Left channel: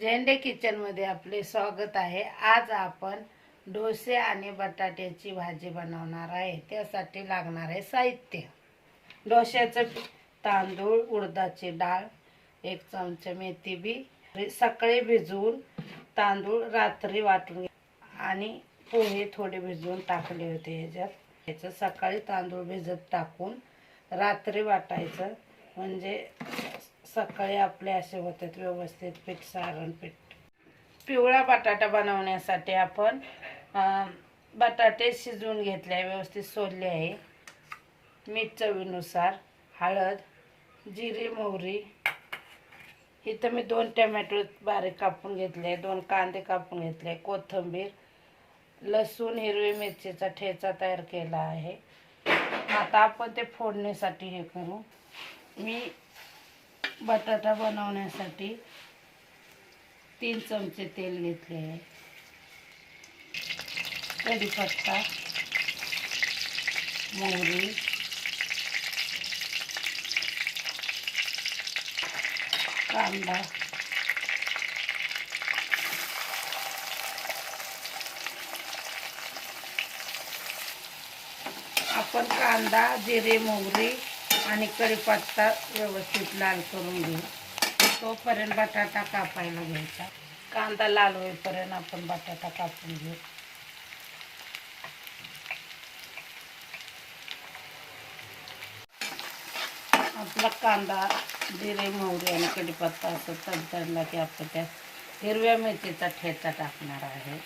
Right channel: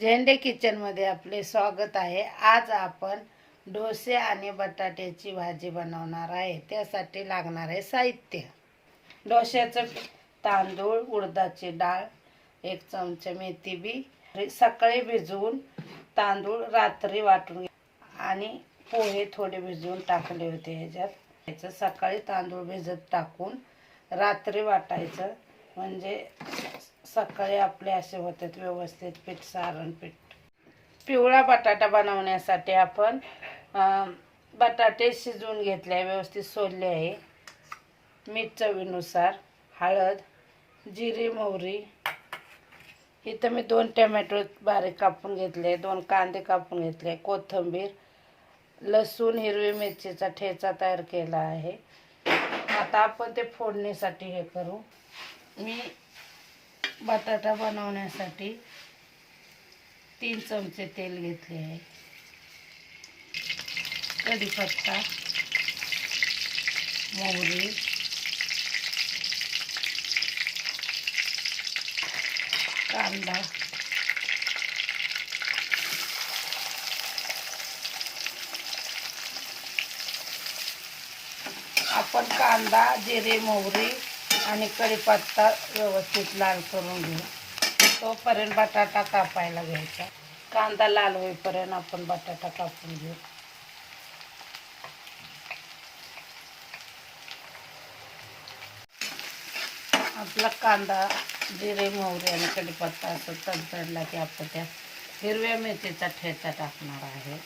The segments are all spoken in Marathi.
झेंडे किचनमध्ये आपले स्वागत आहे। आज आपण डोसे आणि बटाट्याची भाजी बनवणार आहे। त्यासाठी लागणार आहे साहित्य: डोश्याचं तांदूळ, उडदाची डाळ, 1 चमचा मेथी बी सकाळी भिजवून तांदूळ रात्री वाटून आणि पोहे थोडे भिजवून टाकले होते ह्याच्यात। सकाळी तांदूळ भिजत टाकून रात्री वाटायचं, म्हणजे सकाळी आपले असे होतात व्यवस्थित पीठ, सारण पीठ। पिवळा बटाटा बनवण्यासाठी आपण बटाटे शिजवून घेतले, व्यवस्थित सोलले आहे। मीठ चवीनुसार, हळद, जिरे, मोहरी। इथं मी 2 टोमॅटो बारीक कापून घेतले, 2 कांदे कापून घेतले, कोथिंबीर, लसूण, हिरवी मिरचीचा ठेचा तयार केला आहे। आता आपण ते फोडणीसाठी हे करू। मी बटाटा बनवण्यासाठी 3 चमचे तेल घेतले आहे। कढीपत्ता, मोहरी, कांदा, आपण कांदा, जिरे, मोहरी आणि कढीपत्ता व्यवस्थित लाल करून घेऊ। तोपर्यंत बटाटा कापायला घ्यायचा। कांदा लाल होईपर्यंत आपण बटाटा कापून घेऊ। आपला कांदा, जिरे, मोहरी आणि कढीपत्ता असं तडतडला की आपण त्यात हिरव्या मिरचीचा ठेचा टाकणार आहे।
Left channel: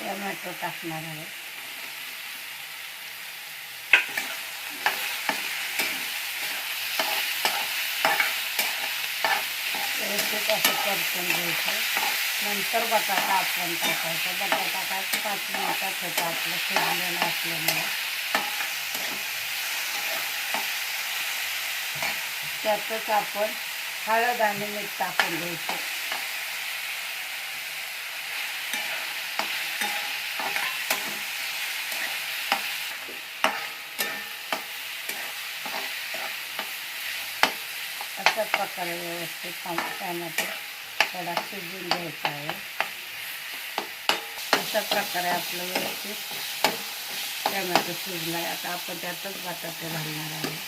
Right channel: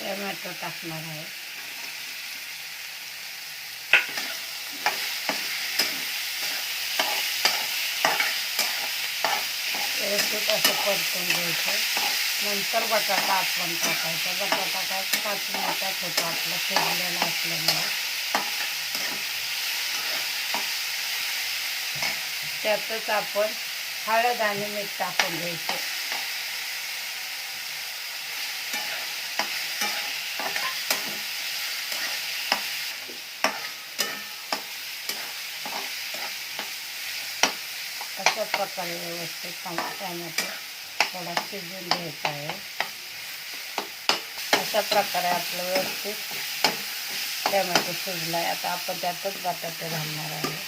टोमॅटो टाकणार आहे। व्यवस्थित असं परतून घ्यायचं। नंतर बटाटा आपण टाकायचा। बटाटा काय 5 मिनिटात होता आपलं शिजलेलं असल्यामुळे। त्यातच आपण हळद आणि मीठ टाकून घ्यायचं। अशा प्रकारे व्यवस्थित टोमॅटो थोडा शिजवून घ्यायचा आहे। अशा प्रकारे आपलं व्यवस्थित टोमॅटो शिजला आहे। आता आपण त्यातच बटाटे घालणार आहे।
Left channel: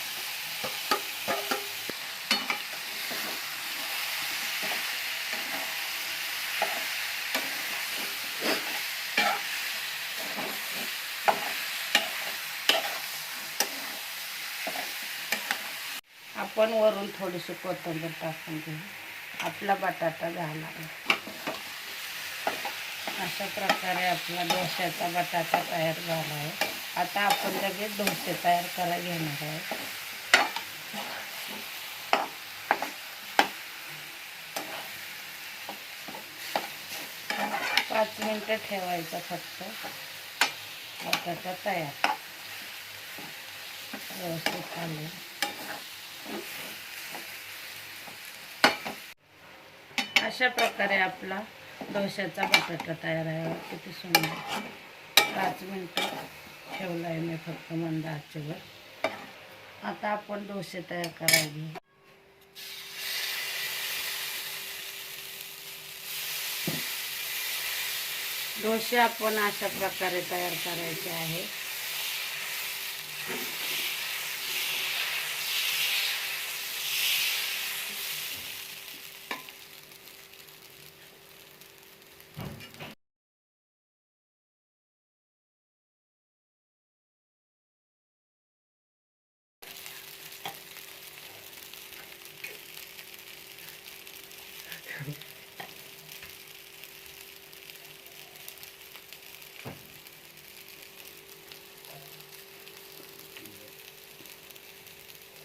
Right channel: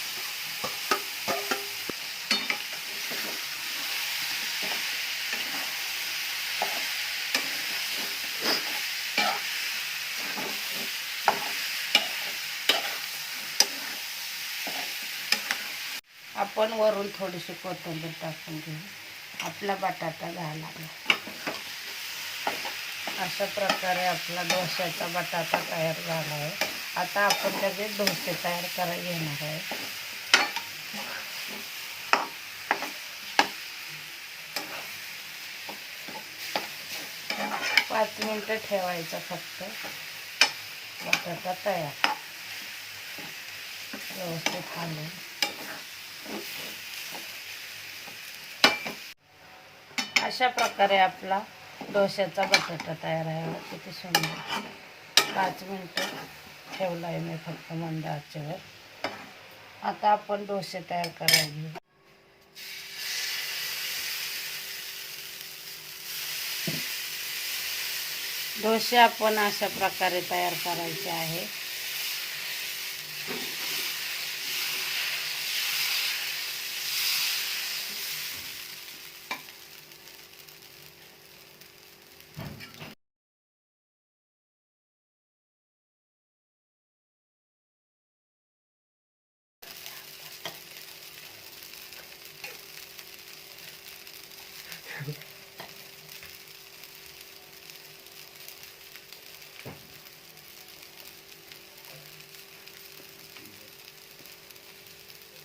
आपण वरून थोडीशी कोथिंबीर टाकून घेऊ। आपला बटाटा झाला। अशा प्रकारे आपला डोश्याचा बटाटा तयार झाला आहे। आता आपण लगेच डोसे तयार करायला घेणार आहे। 5 मिनिटे ठेवायचं फक्त। बटाटा तयार व्यवस्थित घालून। अशा प्रकारे आपला डोश्याचा बटाटा तयार आहे। किती सुंदर। 5 मिनिटं ठेवला आहे मी फक्त मंद आचेवर। आता आपण डोसे तयार करायला घेऊ। डोसे आपण अशा प्रकारे तयार करायचे आहे।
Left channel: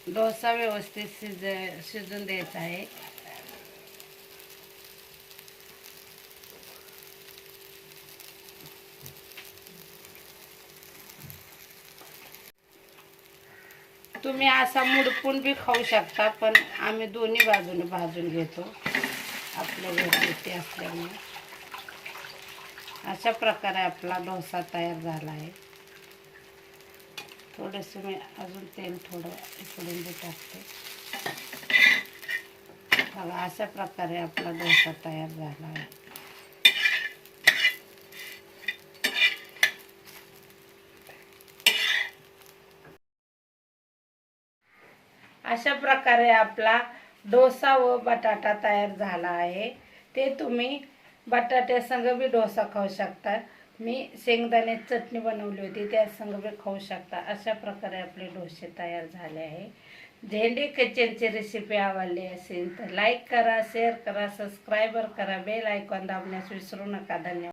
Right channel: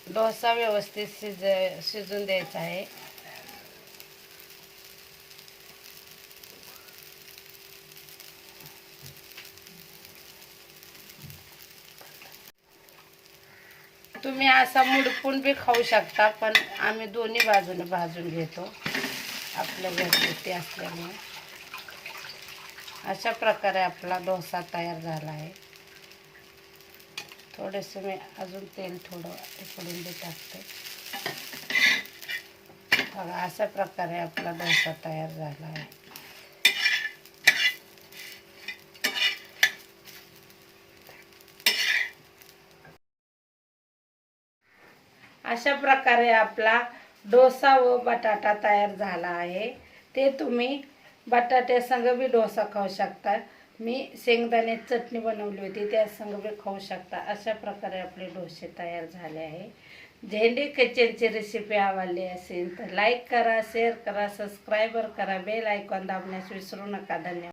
डोसा व्यवस्थित शिजून द्यायचा आहे। तुम्ही असा मुडपून बी खाऊ शकता, पण आम्ही दोन्ही बाजूने भाजून घेतो आपल्या घरगुती असल्यामुळे। अशा प्रकारे आपला डोसा तयार झाला आहे। थोडंसं मी अजून तेल थोडं उकळून टाकते. बघा अशा प्रकारे आपला डोसा तयार झाला आहे. अशा प्रकारे आपला डोसा व बटाटा तयार झाला आहे. ते तुम्ही बटाट्यासंग बी डोसा खाऊ शकता. मी शेंगदाण्याची चटणी बनवली होती त्या संग बी खाऊ शकता. अशा प्रकारे आपले डोसे तयार झाले आहे. झेंडे किचनची रेसिपी आवडली असेल तर लाईक करा, शेअर करा, सबस्क्राईबर करा, बेल आयकॉन दाबण्यास विसरू नका. धन्यवाद.